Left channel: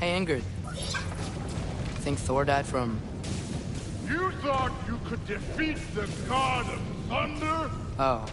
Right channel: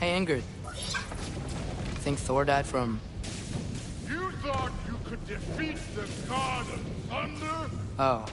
Hey, Ingrid. Think Thor died from... You thought you could defeat the god of thunder? Oh.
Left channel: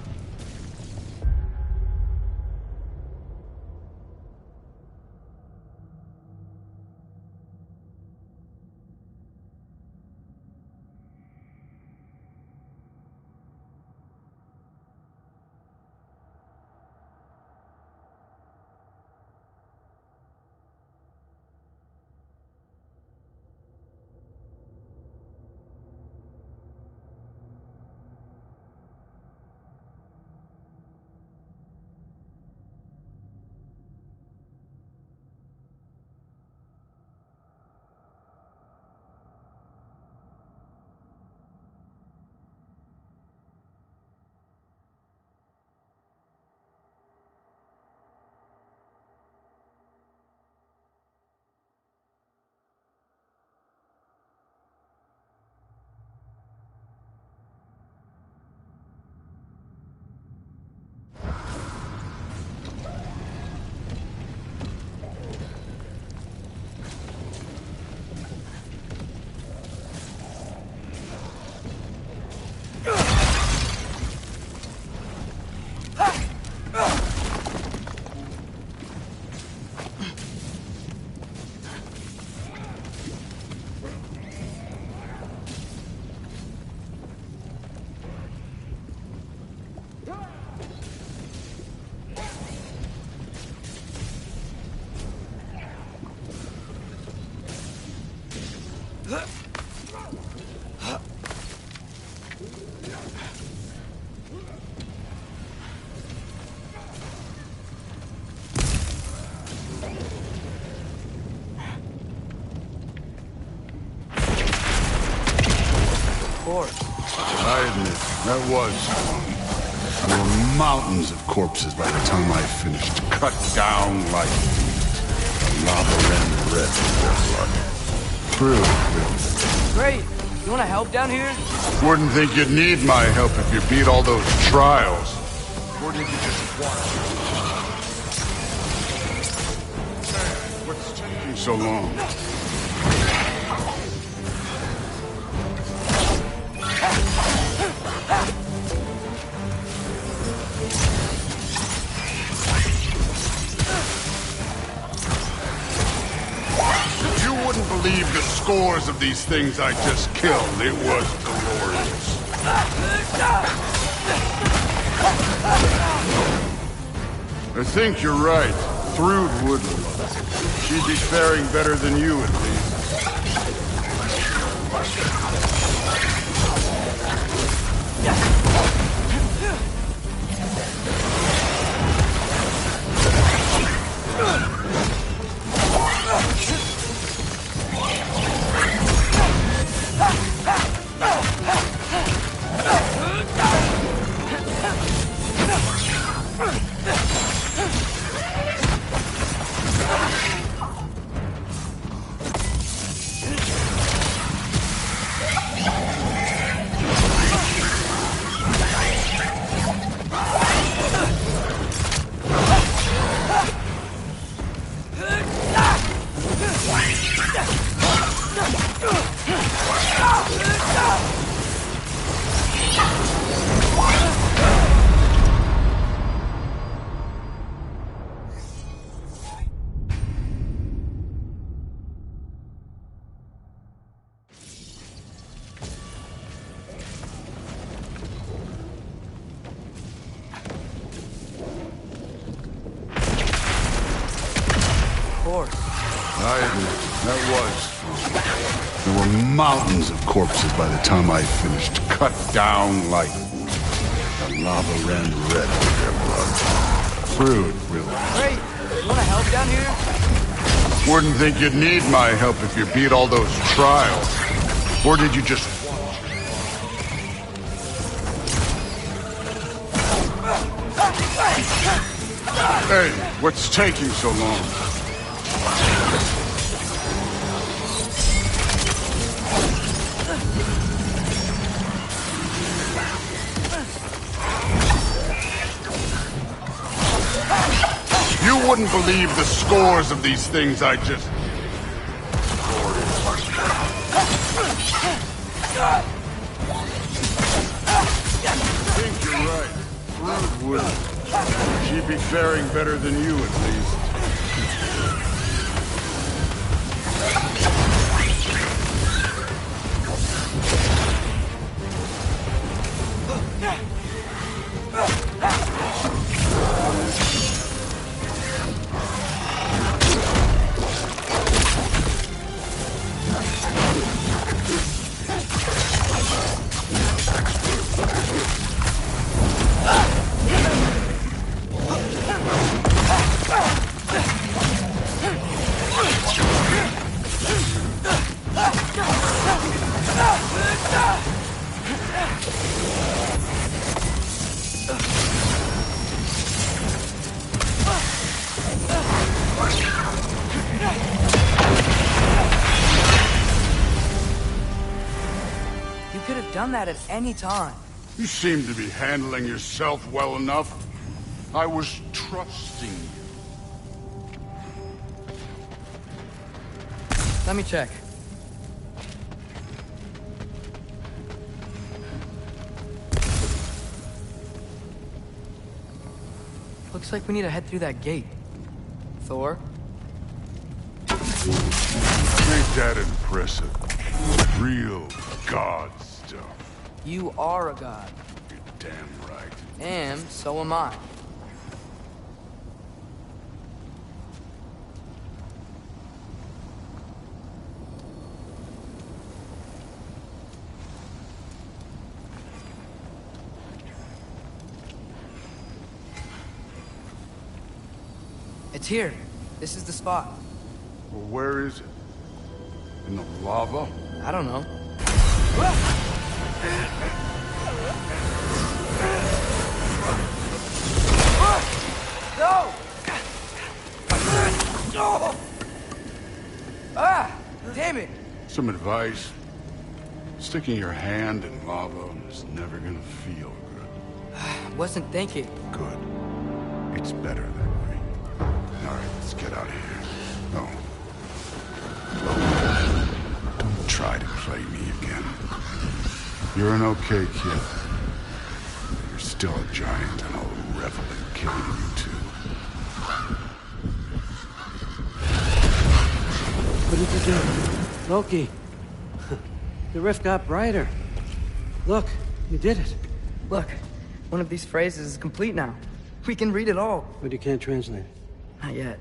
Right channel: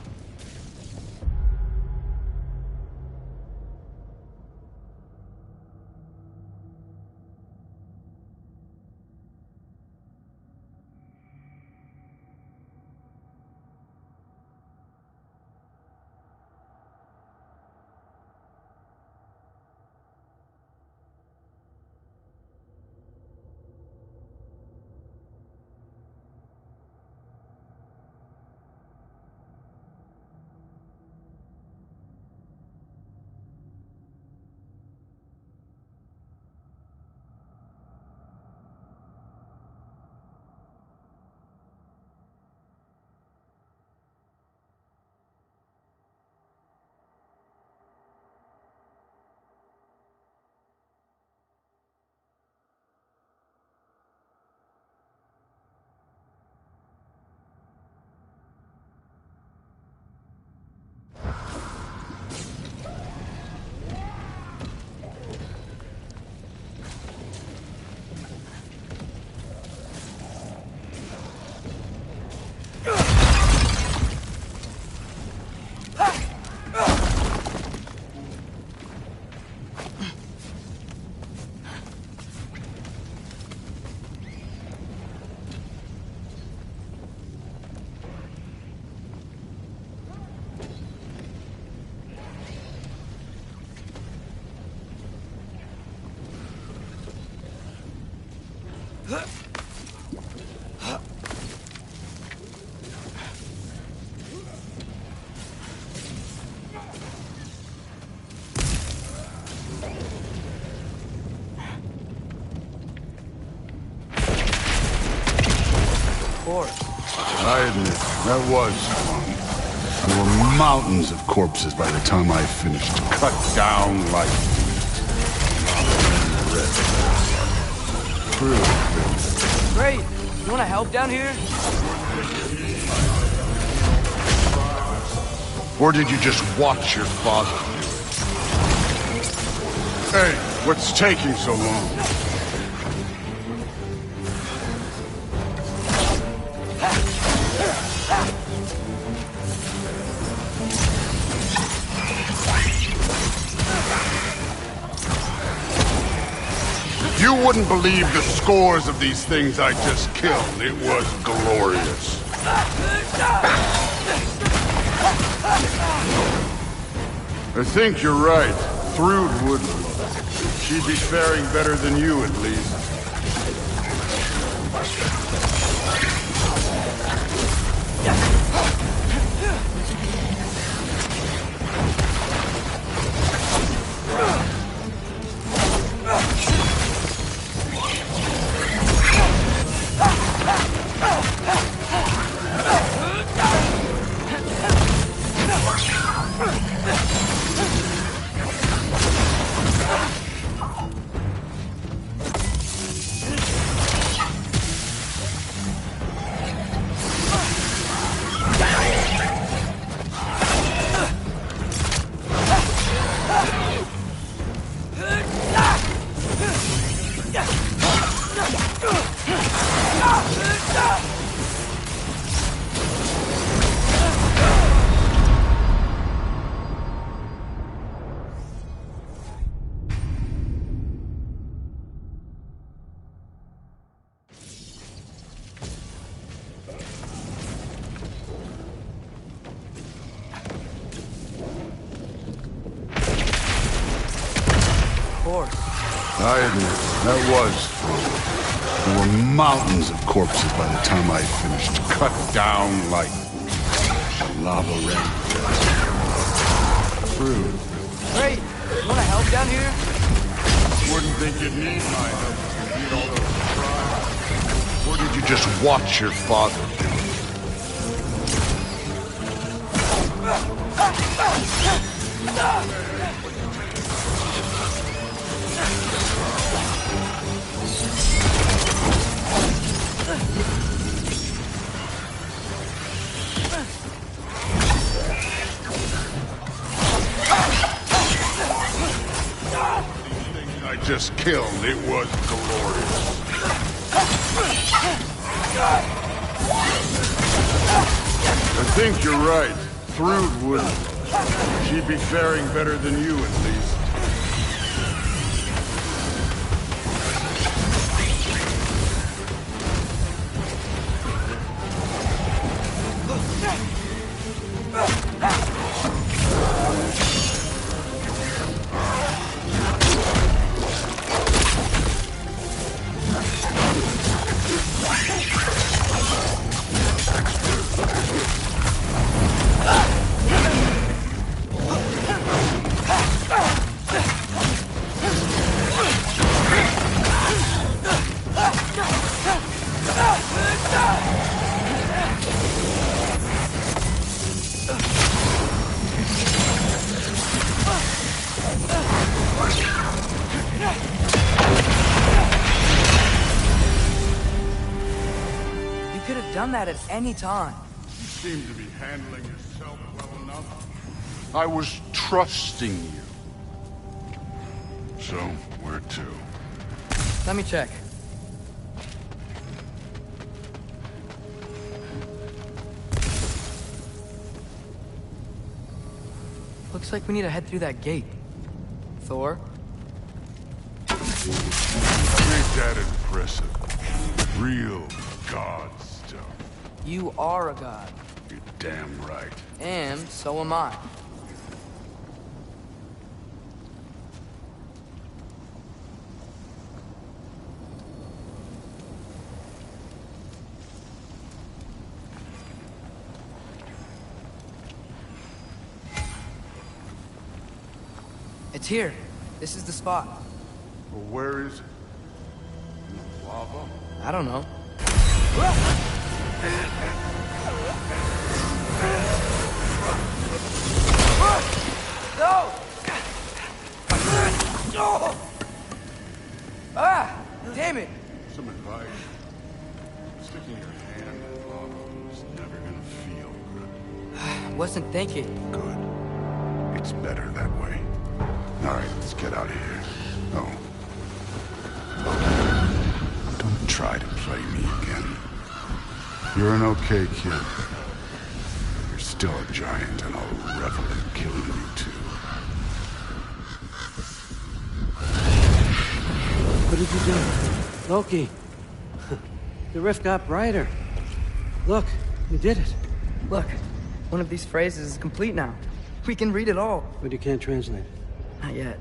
I admit, that was fun. There were mountains of corpses by the time I finished, cut down like lava ran red. True. Great. You want to help down here? Wouldn't think you'd need my help if you beat all those trials. Or did you just watch your father? Hey, what's taking so long? You wouldn't believe the scores of these things I just killed. It was glorious. I think you're right. Thrud would love it. She'd be faring better than you, at least. I admit, that was fun. There were mountains of corpses by the time I finished, cut down like lava ran red. Crude, really. Great. You want to help down here? Wouldn't think you'd need my help if you beat all those trials. Or did you just watch your father? Hey, what's taking so long? You wouldn't believe believe the scores of these things I just killed. It was glorious. I think you're right. Thrud wouldn't. She'd be faring better than you, at least. Done that at any time. You seem to be handling yourself well enough. I was trusting you. So, where to? Let me check. Looks like we need to head through that gate. Thor? Ain't that impressive? Real god stuff. You are a god. You're damn right. And so am I. It's here. This is the spot. Well, where is it? In the lava? I don't know. No! Ah! Damn it! Some advice. Sticking your hand in lava is never gonna feel good. Wasn't thinking. Good. It's better that way. Alright, let's get out of here. Oh. Look, don't try to play me again. You're an okay kid. You're still a giant, and I'll revel in killing you too. What did you do? Loki. The rift got brighter. Look, you did it. Look, one of these phrases is complete now. We can read it all. But you can't translate it. Not yet.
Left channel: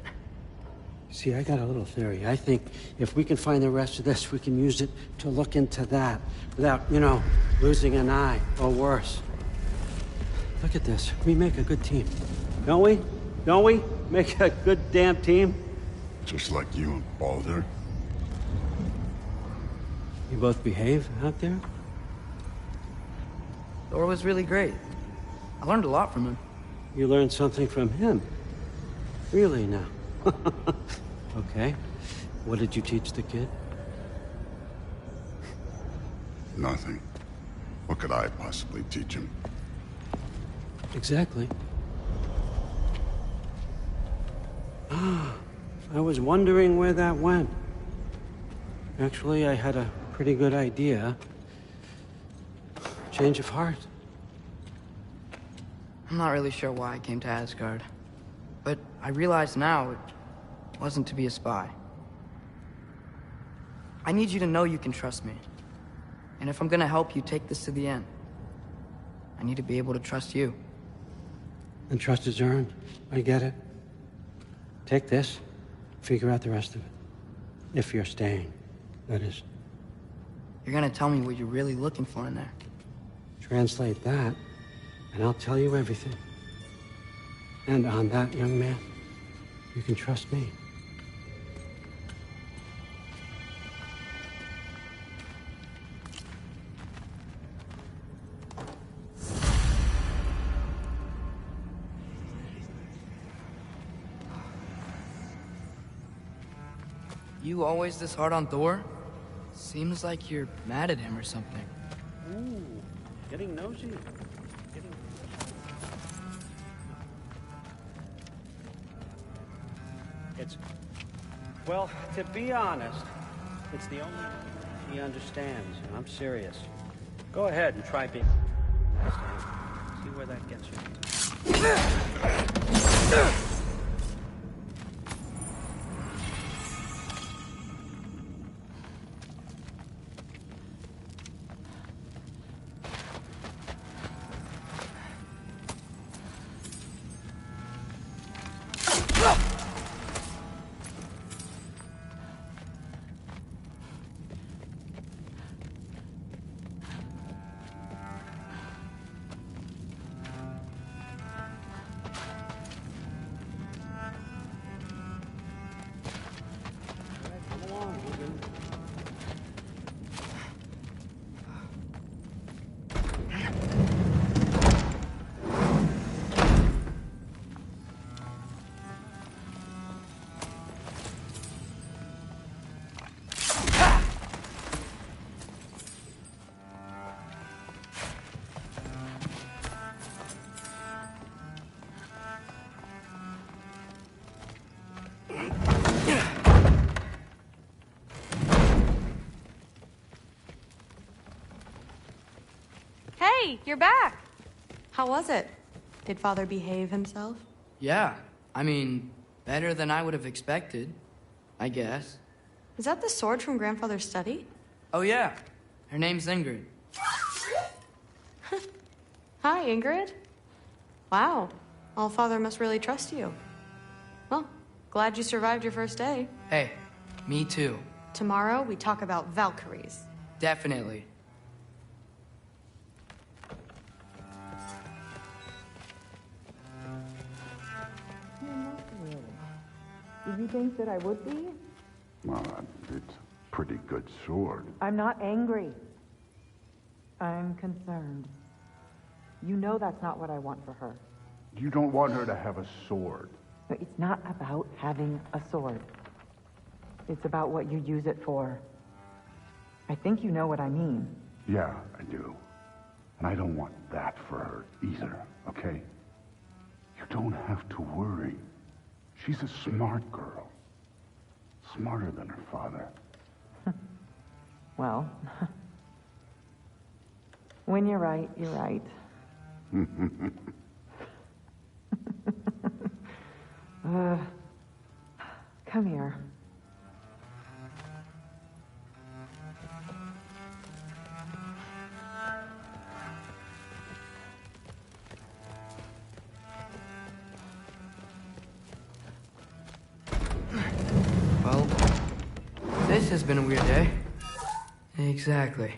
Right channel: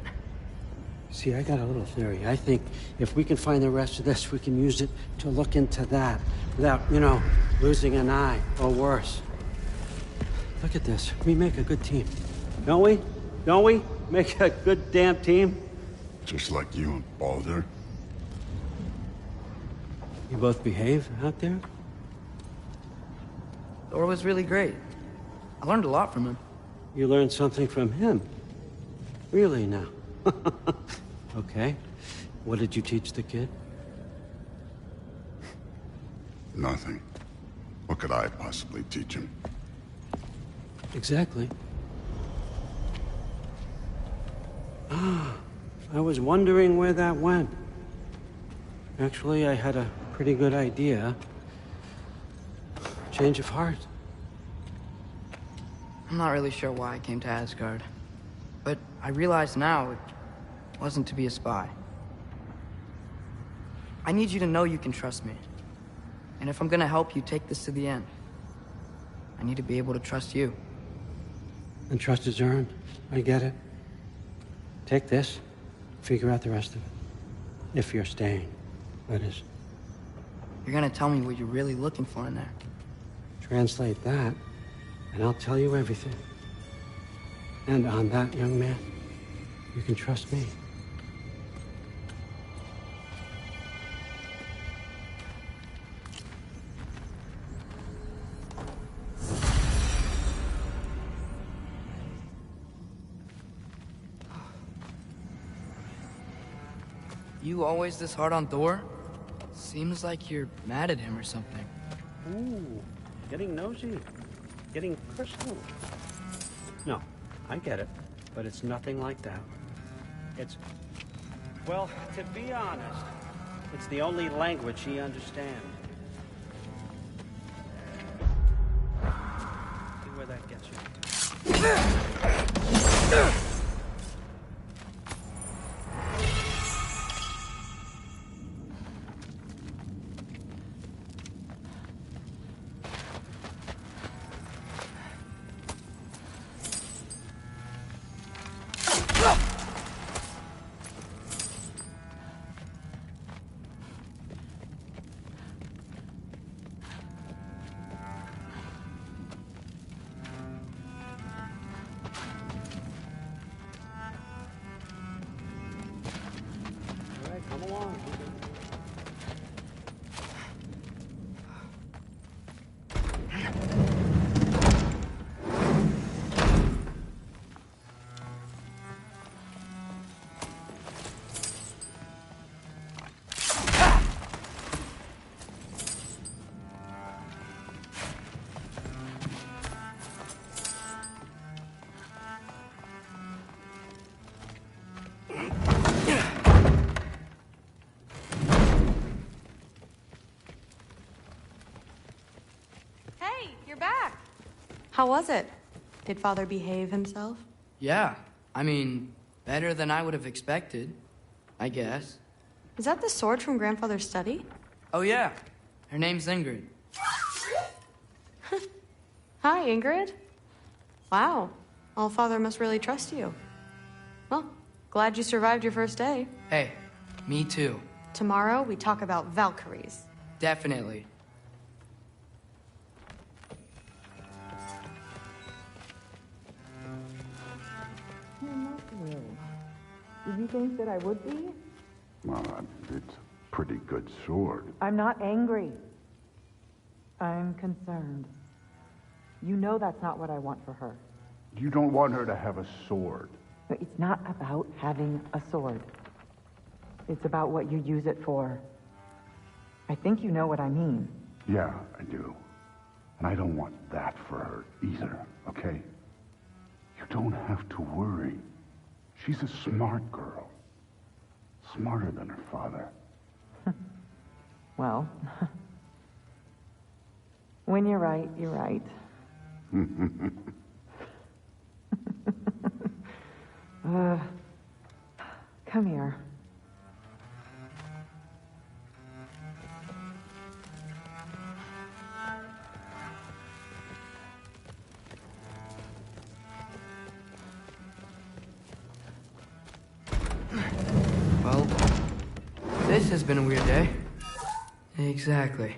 See, I got a little theory. I think if we can find the rest of this, we can use it to look into that without, you know, losing an eye or worse. Look at this. We make a good team. Don't we? Don't we? Make a good damn team? Just like you and Baldur. You both behave out there? Thor was really great. I learned a lot from him. You learned something from him? Really now? Okay. What did you teach the kid? Nothing. What could I possibly teach him? Exactly. Ah, I was wondering where that went. Actually, I had a pretty good idea. Change of heart. I'm not really sure why I came to Asgard. But I realize now it wasn't to be a spy. I need you to know you can trust me. And if I'm gonna help you take this to the end, I need to be able to trust you. And trust is earned. I get it. Take this, figure out the rest of it. If you're staying, that is. You're gonna tell me what you're really looking for in there. Translate that, and I'll tell you everything. And on that, young man, you can trust me. You always this hard on Thor? Seems like you're mad at him or something. Ooh, getting nosy, getting personal. No, I get it, but it's nothing like that. It's... Well, to be honest, it's the only language he understands. I'm serious. Go ahead and try being... See where that gets you. Hey, you're back. How was it? Did Father behave himself? Yeah, I mean, better than I would have expected, I guess. Is that the sword from Grandfather's study? Oh yeah, her name's Ingrid. Hi, Ingrid. Wow, Allfather must really trust you. Well, glad you survived your first day. Hey, me too. Tomorrow, we talk about Valkyries. Definitely. Did you think that I would be? Well, it's a pretty good sword. I'm not angry. I'm concerned. You know that's not what I want for her. You don't want her to have a sword. But it's not about having a sword. It's about what you use it for. I think you know what I mean. Yeah, I do. And I don't want that for her either, okay? You don't have to worry. She's a smart girl. Smarter than her father. Well, when you're right, you're right. Come here. Well, this has been a weird day. Exactly.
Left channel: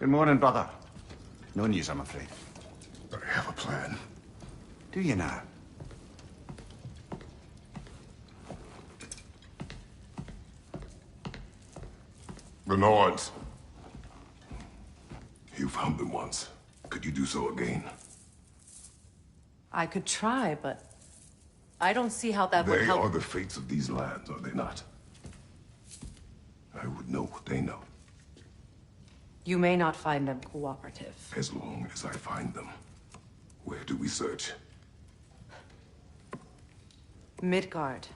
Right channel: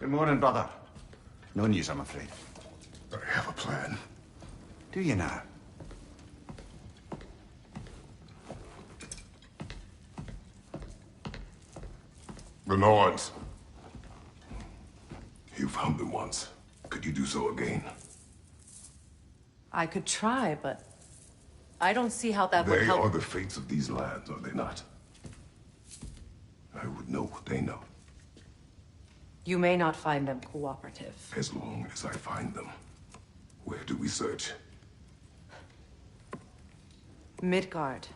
Good morning, brother. No news, I'm afraid. I have a plan. Do you now? The Norns. You found them once. Could you do so again? I could try, but I don't see how that would They help. are the fates of these lands, are they not? I would know what they know, You may not find them cooperative. as long as I find them. Where do we search? Midgard.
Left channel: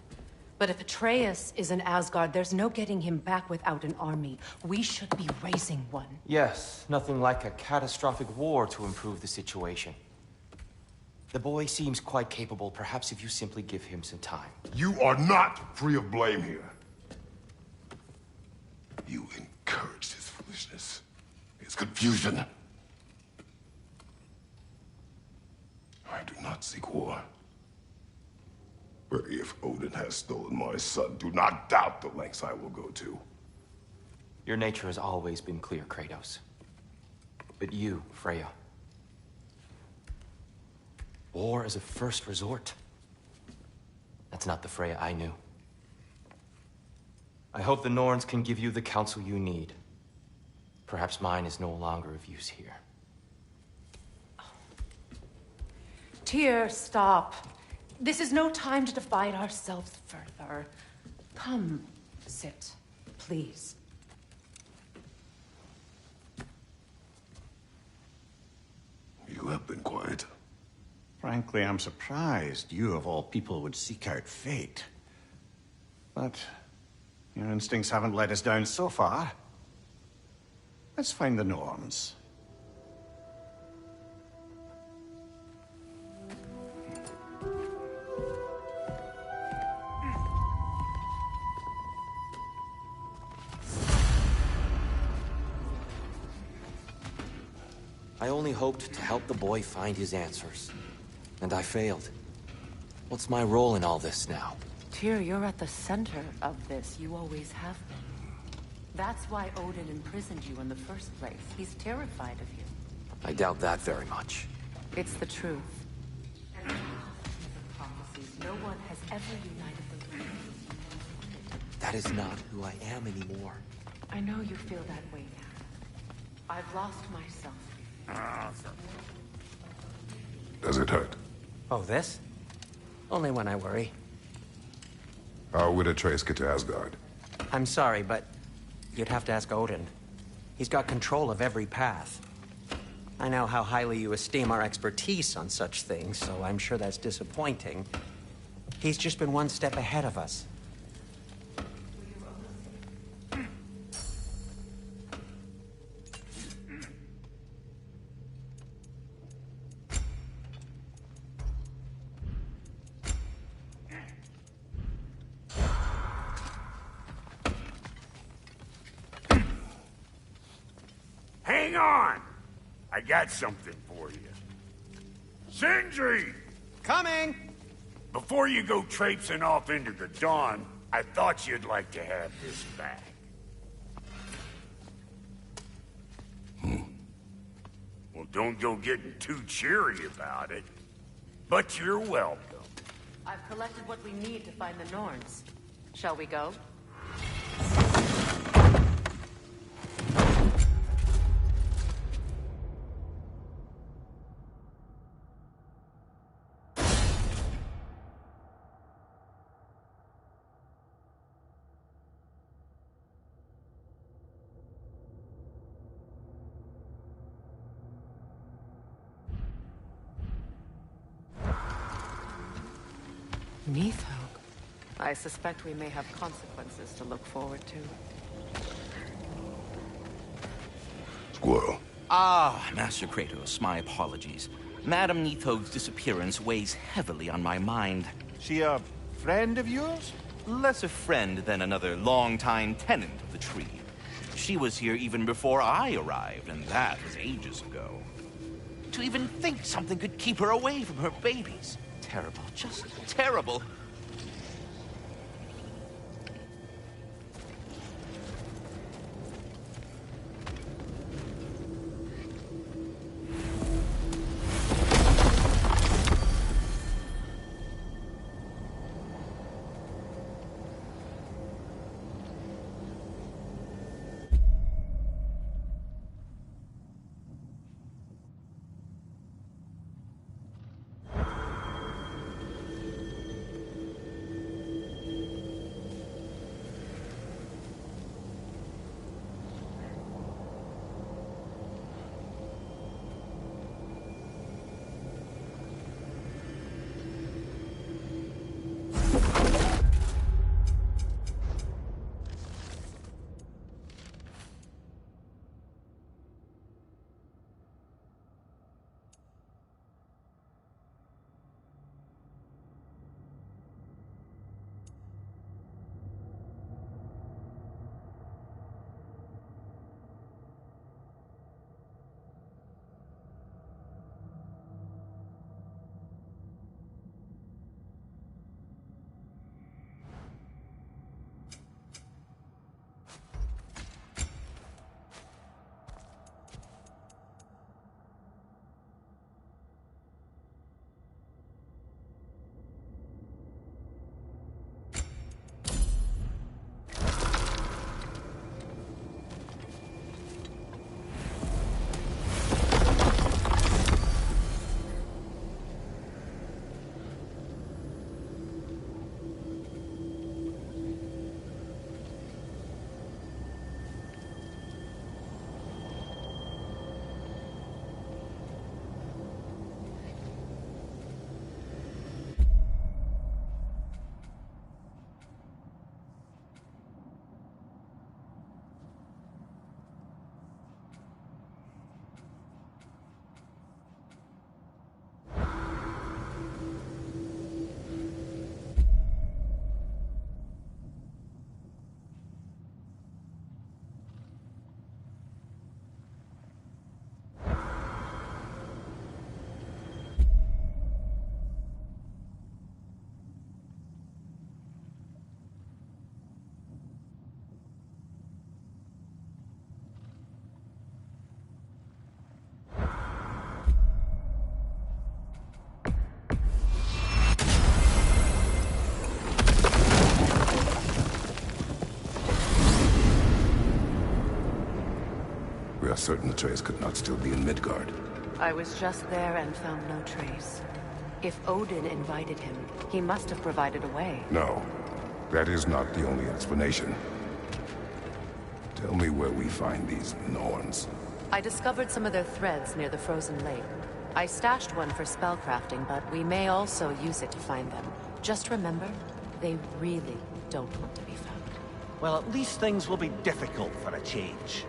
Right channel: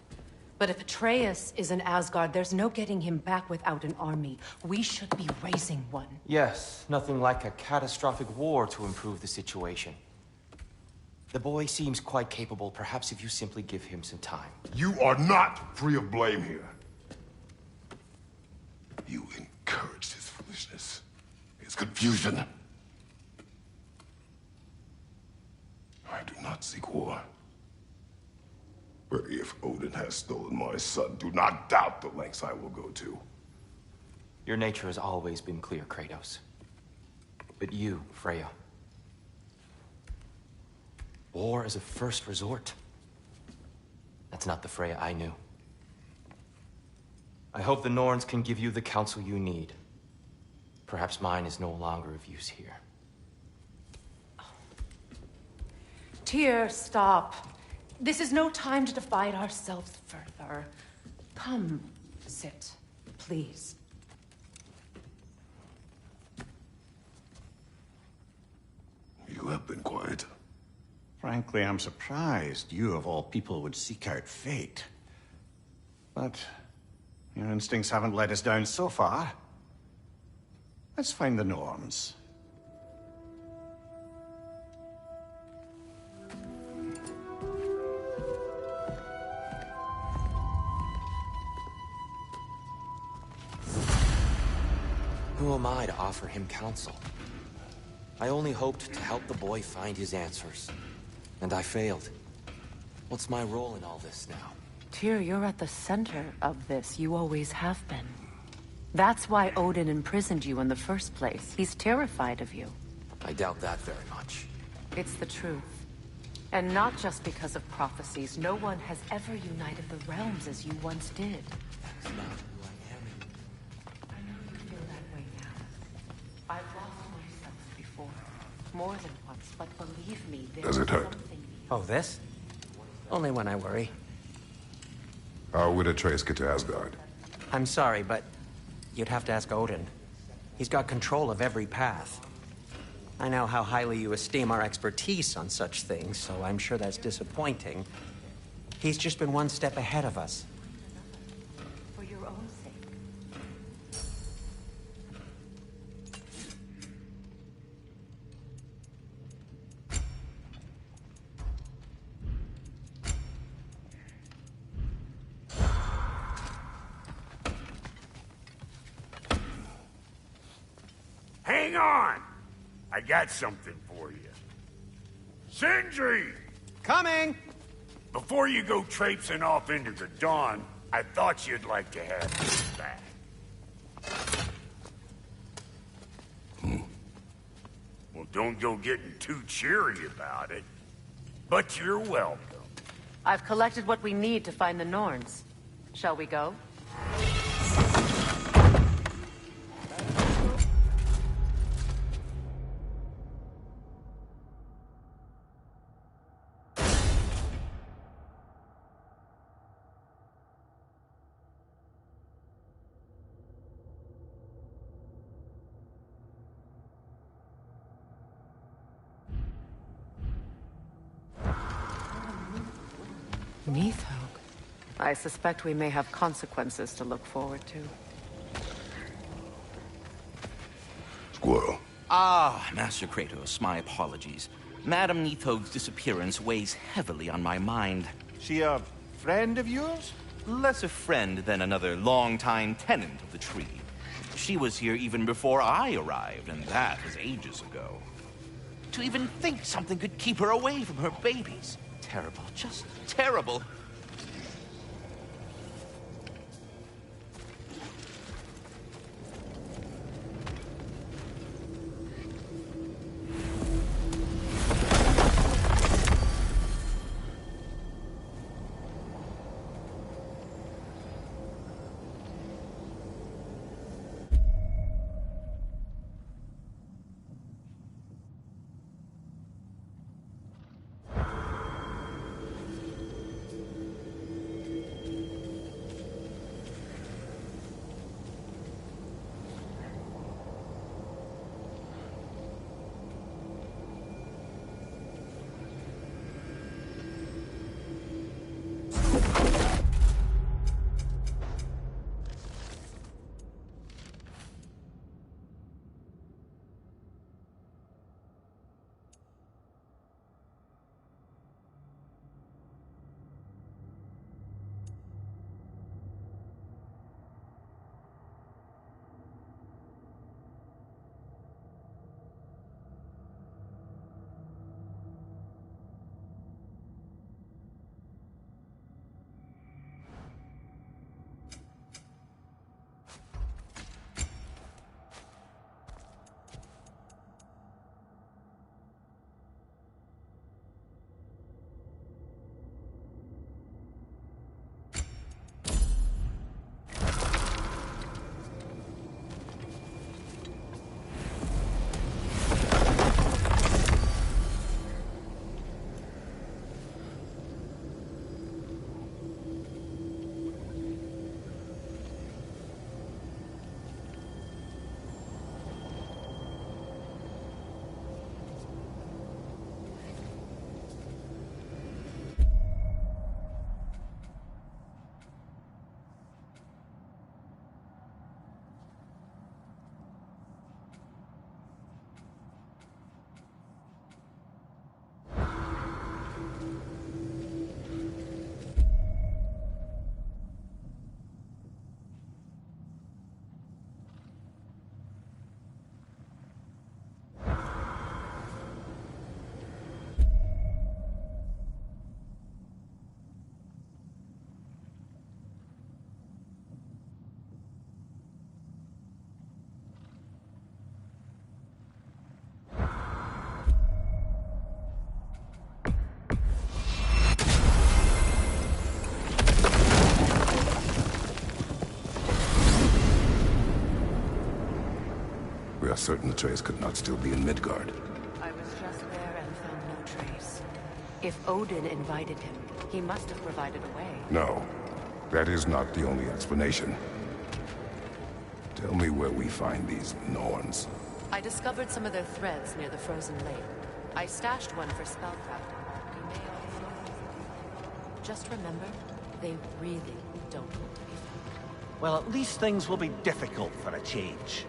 But if Atreus is in Asgard, there's no getting him back without an army. We should be raising one. Yes, nothing like a catastrophic war to improve the situation. The boy seems quite capable. Perhaps if you simply give him some time. You are not free of blame here. You encouraged his foolishness, his confusion. I do not seek war. But if Odin has stolen my son, do not doubt the lengths I will go to. Your nature has always been clear, Kratos. But you, Freya. War is a first resort. That's not the Freya I knew. I hope the Norns can give you the counsel you need. Perhaps mine is no longer of use here. Tyr, stop. This is no time to divide ourselves further. Come, sit, please. You have been quiet. Frankly, I'm surprised you, of all people, would seek out fate. But your instincts haven't let us down so far. Let's find the Norns. Who am I to offer him counsel? I only hoped to help the boy find his answers. And I failed. What's my role in all this now? Tyr, you're at the center of this. You always have been. That's why Odin imprisoned you in the first place. He's terrified of you. I doubt that very much. It's the truth. And not just because of prophecies. No one has ever united the realms as you once did. That is not who I am anymore. I know you feel that way now. I've lost myself before. More than once, but believe me, Does it hurt? Oh, this? Only when I worry. How would Atreus get to Asgard? I'm sorry, but you'd have to ask Odin. He's got control of every path. I know how highly you esteem our expertise on such things, so I'm sure that's disappointing. He's just been one step ahead of us. For your own sake. Hang on! I got something for you. Sindri! Coming! Before you go traipsing off into the dawn, I thought you'd like to have this back. Well, don't go getting too cheery about it. But you're welcome. I've collected what we need to find the Norns. Shall we go? Neathog. I suspect we may have consequences to look forward to. Squirrel. Ah, Master Kratos, my apologies. Madame Neathog's disappearance weighs heavily on my mind. She a friend of yours? Less a friend than another longtime tenant of the tree. She was here even before I arrived, and that was ages ago. To even think something could keep her away from her babies. Terrible, just terrible. certain Atreus could not still be in Midgard. I was just there and found no trace. If Odin invited him, he must have provided a way. No, that is not the only explanation. Tell me where we find these Norns. I discovered some of their threads near the frozen lake. I stashed one for spellcrafting, but we may also use it to find them. Just remember, they really don't want to be found. Well, at least things will be difficult for a change.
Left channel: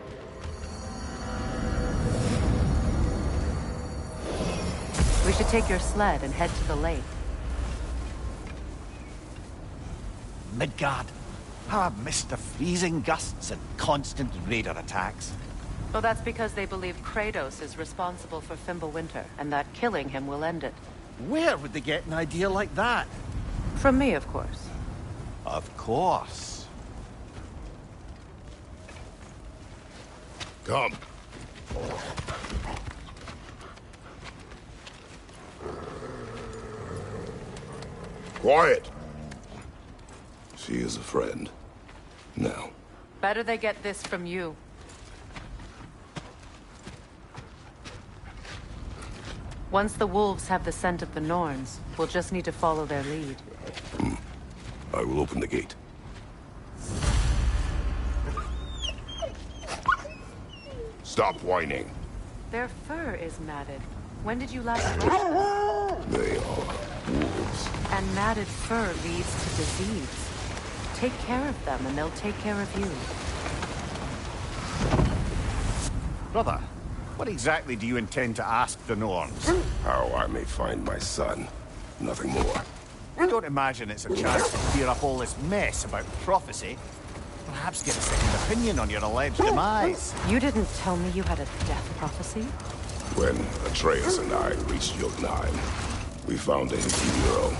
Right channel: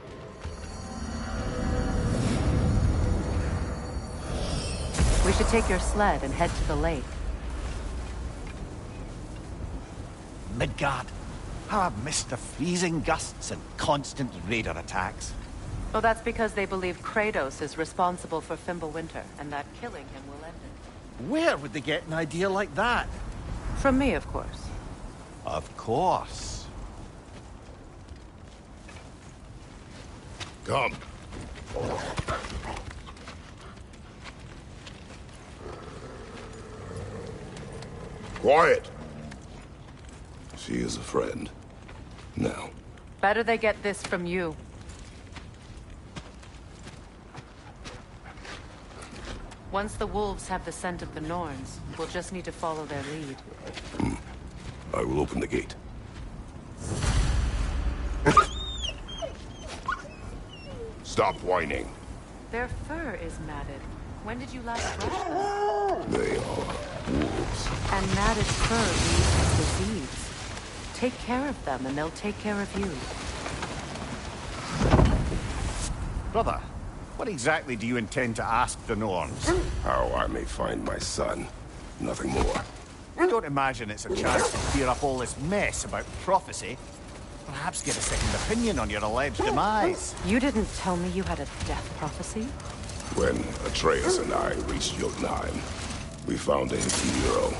We should take your sled and head to the lake. Midgard. How I've missed the freezing gusts and constant raider attacks. Well, that's because they believe Kratos is responsible for Fimbulwinter, and that killing him will end it. Where would they get an idea like that? From me, of course. Of course. Come. Quiet. She is a friend. Now. Better they get this from you. Once the wolves have the scent of the Norns, we'll just need to follow their lead. I will open the gate. Stop whining. Their fur is matted. When did you last brush them? They are wolves. And matted fur leads to disease. Take care of them, and they'll take care of you. Brother, what exactly do you intend to ask the Norns? How I may find my son. Nothing more. Don't imagine it's a chance to clear up all this mess about prophecy. Perhaps get a second opinion on your alleged demise. You didn't tell me you had a death prophecy? When Atreus and I reached Jotunheim, we found a hidden hero.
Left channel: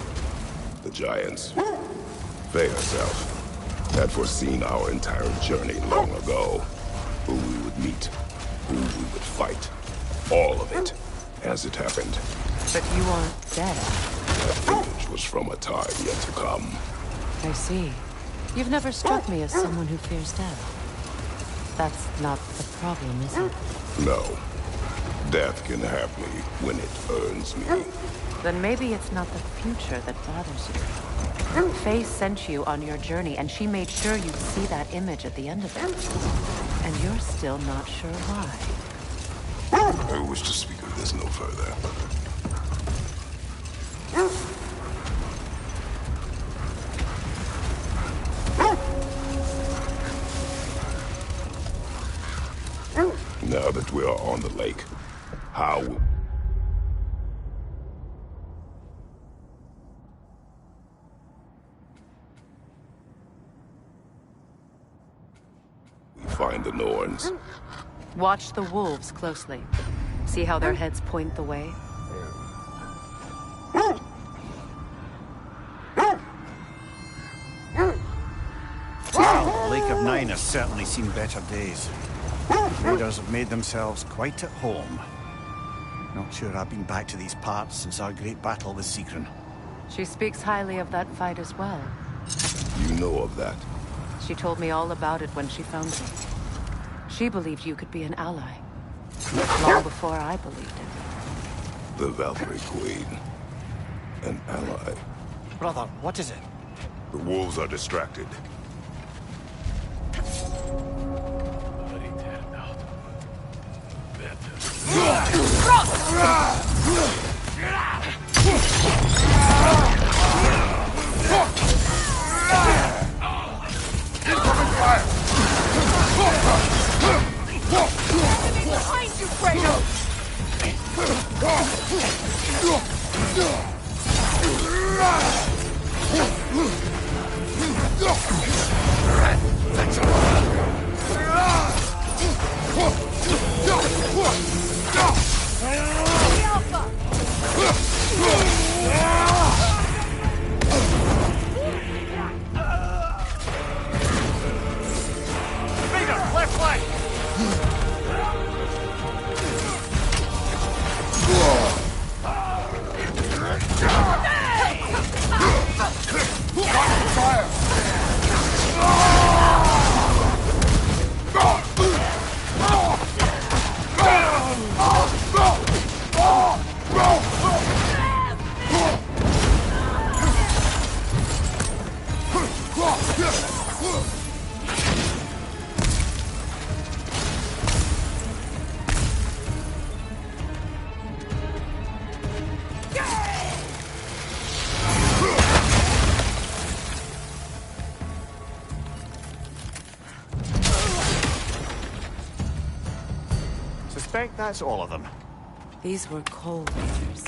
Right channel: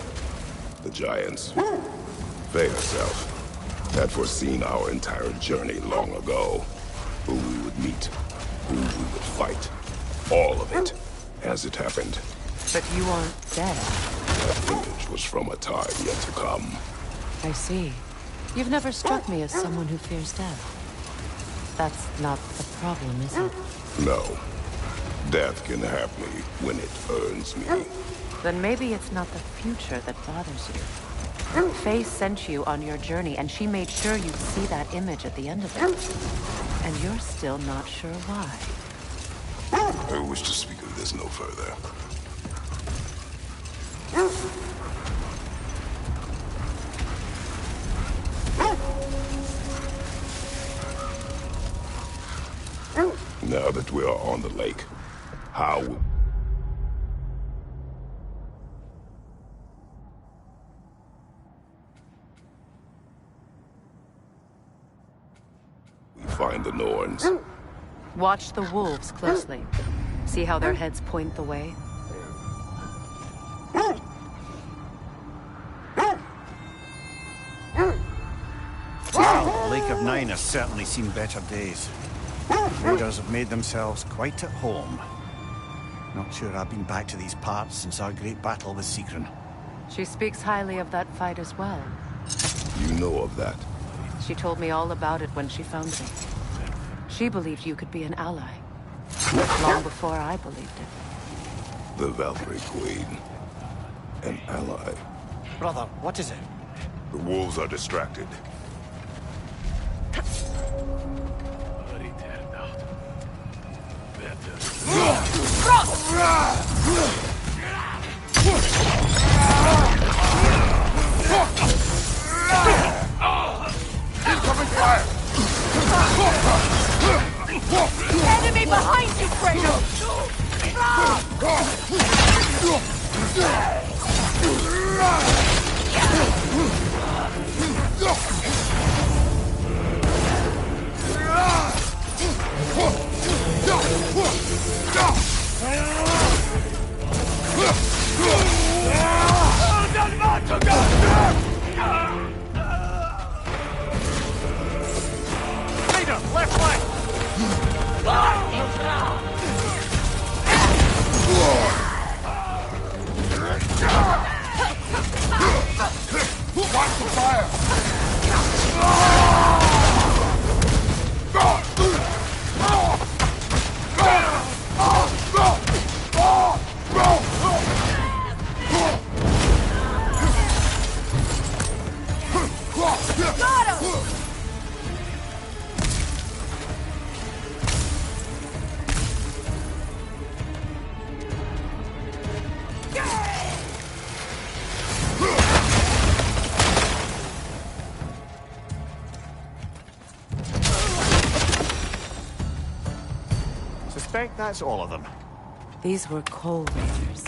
The Giants. They herself had foreseen our entire journey long ago. Who we would meet, who we would fight. All of it, as it happened. But you aren't dead. That image was from a time yet to come. I see. You've never struck me as someone who fears death. That's not the problem, is it? No. Death can have me when it earns me. Then maybe it's not the future that bothers you. Faye sent you on your journey, and she made sure you'd see that image at the end of it. And you're still not sure why. I wish to speak of this no further. Now that we are on the lake, how will we find the Norns? Watch the wolves closely. See how their heads point the way? Well, Lake of Nine has certainly seen better days. Raiders have made themselves quite at home. Not sure I've been back to these parts since our great battle with Sigrun. She speaks highly of that fight as well. You know of that? She told me all about it when she found me. She believed you could be an ally. Long before I believed it. The Valkyrie Queen. An ally. Brother, what is it? The wolves are distracted. Incoming fire! Enemy behind you, Kratos! Leader, left flank! Watch the fire! suspect that's all of them. These were coal raiders.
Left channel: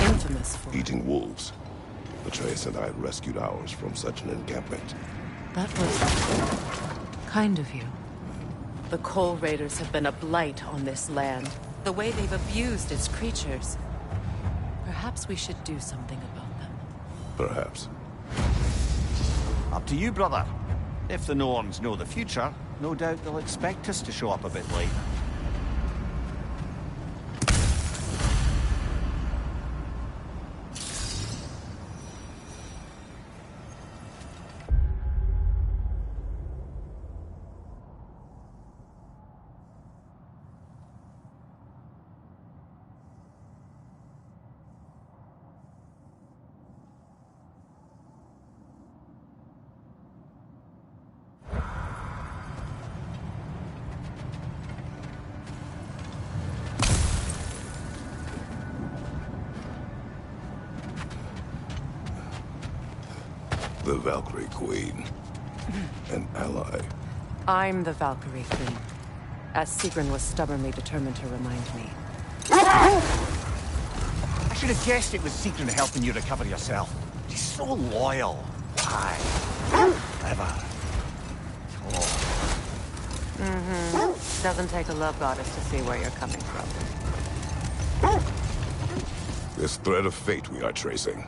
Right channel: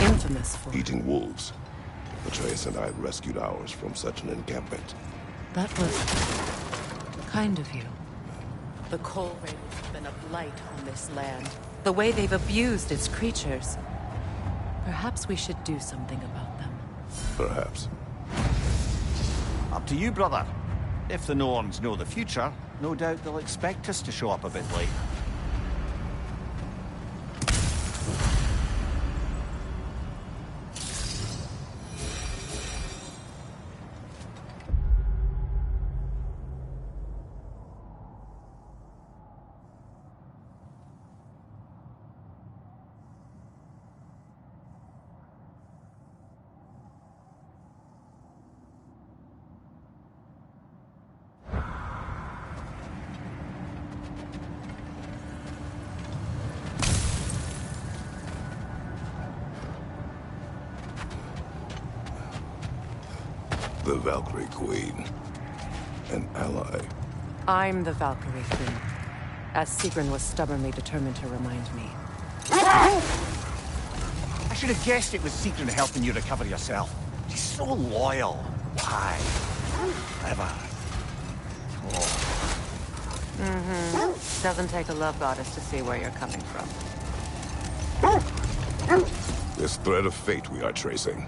Infamous for... Eating wolves. Atreus and I rescued ours from such an encampment. That was kind of you. The coal raiders have been a blight on this land. The way they've abused its creatures. Perhaps we should do something about them. Perhaps. Up to you, brother. If the Norns know the future, no doubt they'll expect us to show up a bit late. The Valkyrie Queen. An ally. I'm the Valkyrie Queen, as Sigrun was stubbornly determined to remind me. I should have guessed it was Sigrun helping you recover yourself. She's so loyal. Why? Ever. Oh. Doesn't take a love goddess to see where you're coming from. This thread of fate we are tracing.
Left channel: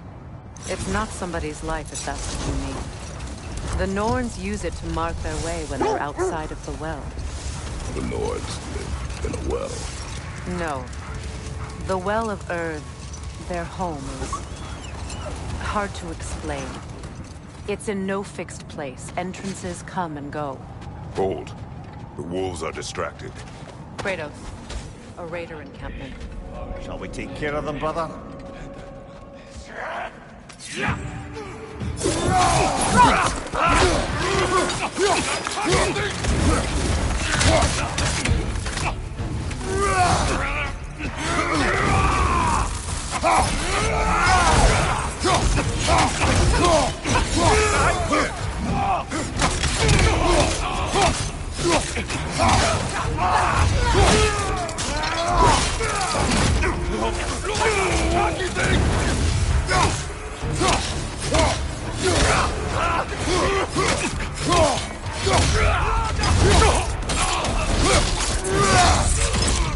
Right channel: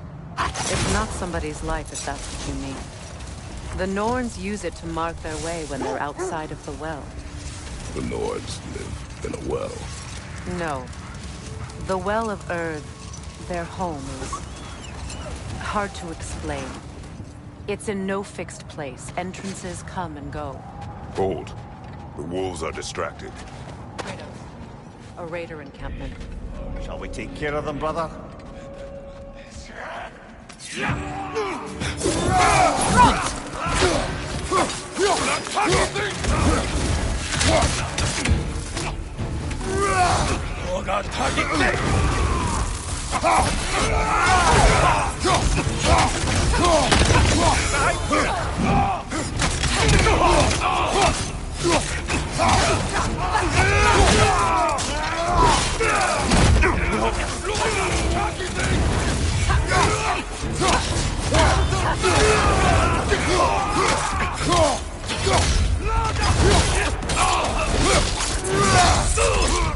It's not somebody's life, if that's what you mean. The Norns use it to mark their way when they're outside of the well. The Nords live in a well. No. The Well of Earth, their home, is hard to explain. It's in no fixed place. Entrances come and go. Hold. The wolves are distracted. Kratos, a raider encampment. Shall we take care of them, brother?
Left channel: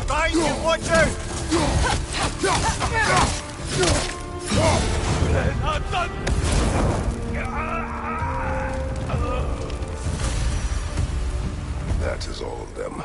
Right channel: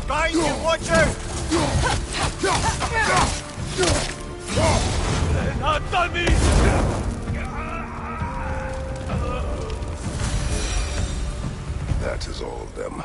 Behind you, watch out! That is all of them.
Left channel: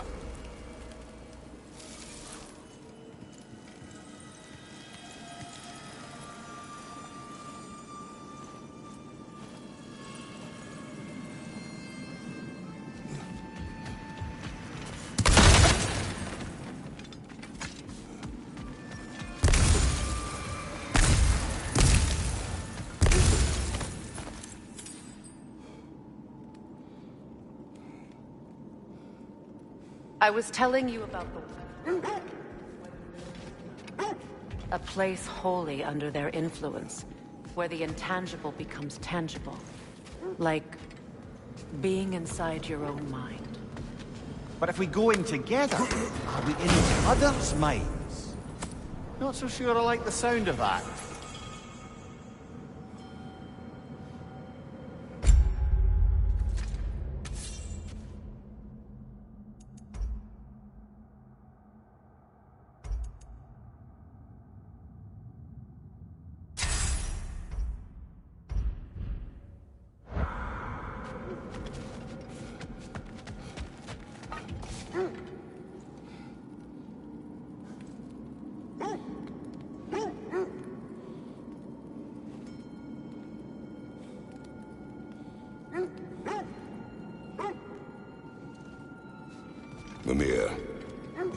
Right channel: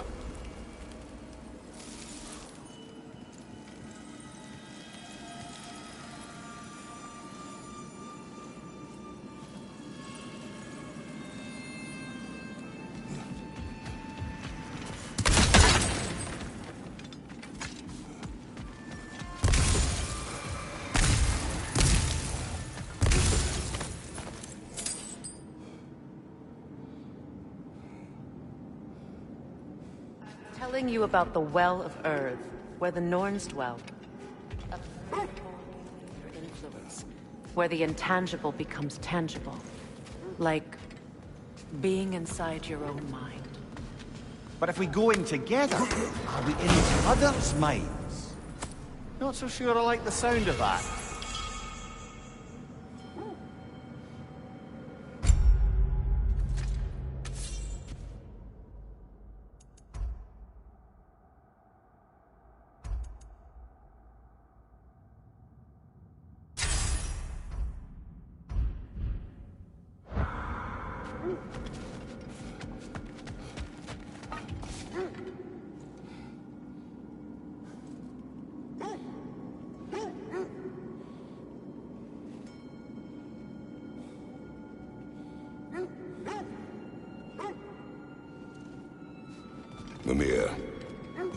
I was telling you about the Well of Earth, where the Norns dwell. A place wholly under their influence, where the intangible becomes tangible. Like being inside your own mind. But if we go in together, are we in each other's minds? Not so sure I like the sound of that. Mimir,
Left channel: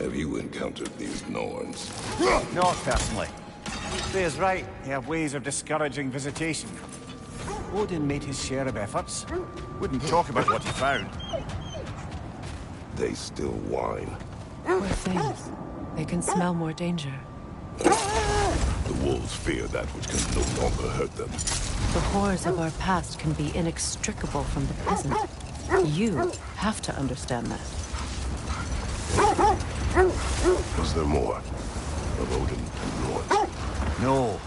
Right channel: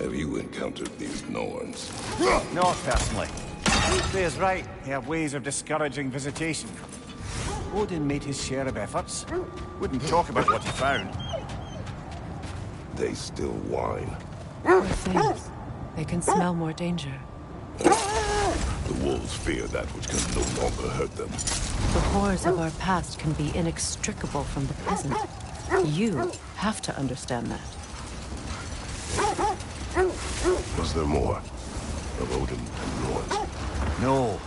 have you encountered these Norns? Not personally. Freya's right. They have ways of discouraging visitation. Odin made his share of efforts. Wouldn't talk about what he found. They still whine. Poor things. They can smell more danger. The wolves fear that which can no longer hurt them. The horrors of our past can be inextricable from the present. You have to understand that. Was there more? Of Odin and Norn? No.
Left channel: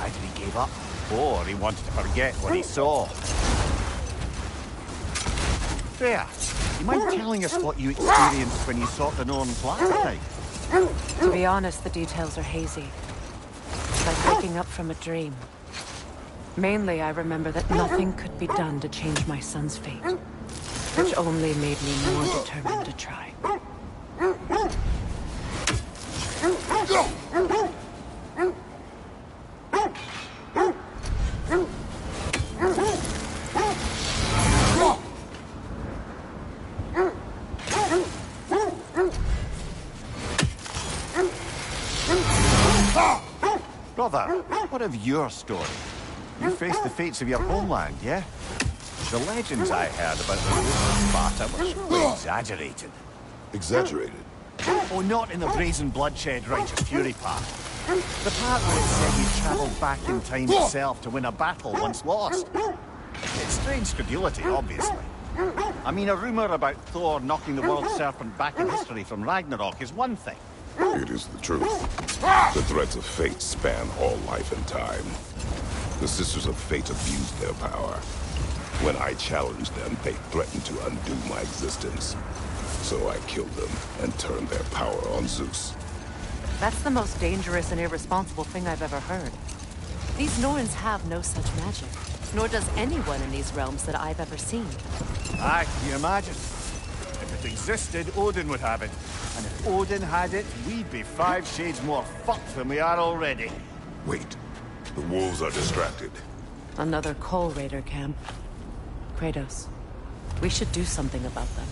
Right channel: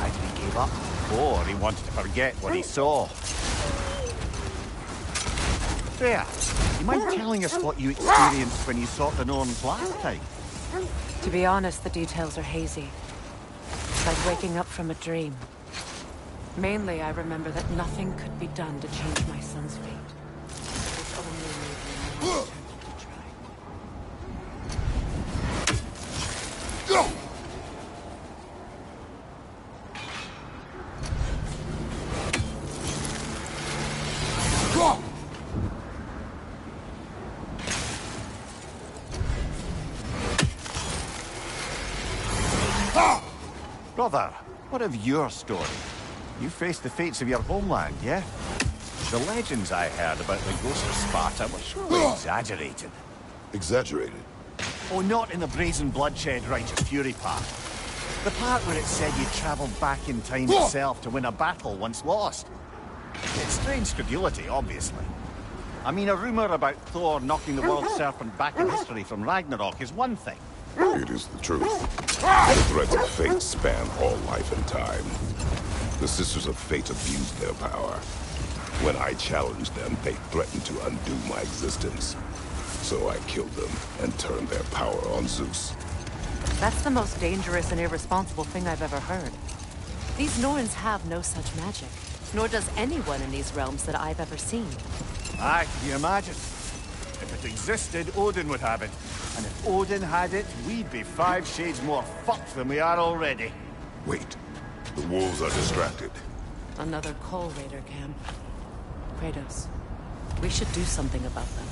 Either he gave up, or he wanted to forget what he saw. Freya, you mind telling us what you experienced when you sought the Norns last time? To be honest, the details are hazy. It's like waking up from a dream. Mainly, I remember that nothing could be done to change my son's fate, which only made me more determined to try. Brother, what of your story? You faced the fates of your homeland, yeah? The legends I heard about the ghost of Sparta were surely exaggerated. Exaggerated? Oh, not in the brazen bloodshed righteous fury part. The part where it said you travelled back in time itself to win a battle once lost. It's strange credulity, obviously. I mean, a rumour about Thor knocking the world serpent back in history from Ragnarok is one thing. It is the truth. The threads of fate span all life and time. The Sisters of Fate abused their power. When I challenged them, they threatened to undo my existence. So I killed them and turned their power on Zeus. That's the most dangerous and irresponsible thing I've ever heard. These Norns have no such magic, nor does anyone in these realms that I've ever seen. Aye, can you imagine? If it existed, Odin would have it. And if Odin had it, we'd be 5 shades more fucked than we are already. Wait. The wolves are distracted. Another Coal Raider camp. Kratos, we should do something about them.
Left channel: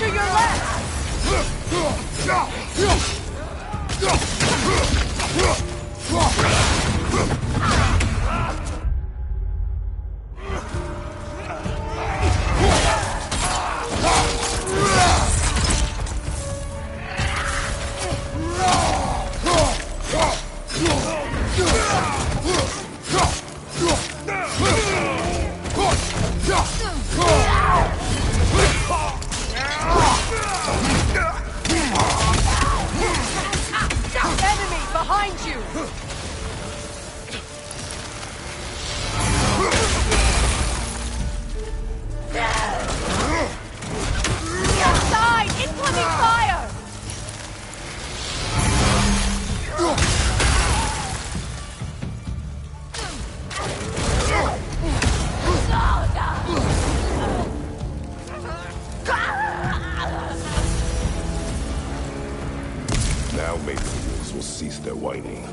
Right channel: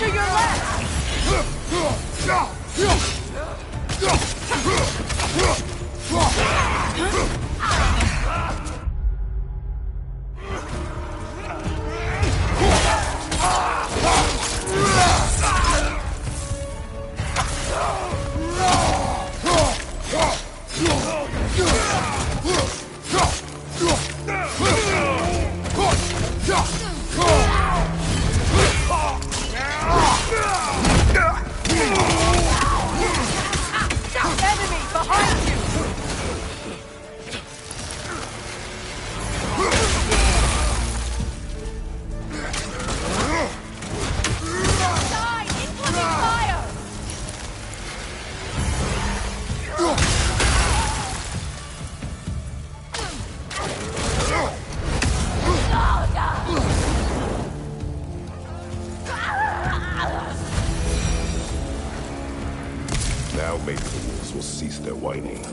To your left! Now maybe the wolves will cease their whining.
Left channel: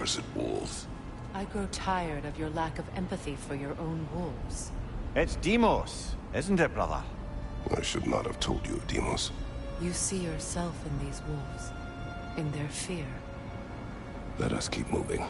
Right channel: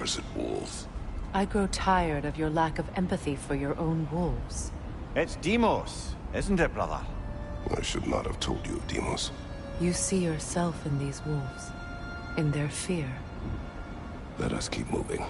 Accursed wolves. I grow tired of your lack of empathy for your own wolves. It's Demos, isn't it, brother? I should not have told you of Demos. You see yourself in these wolves, in their fear. Let us keep moving.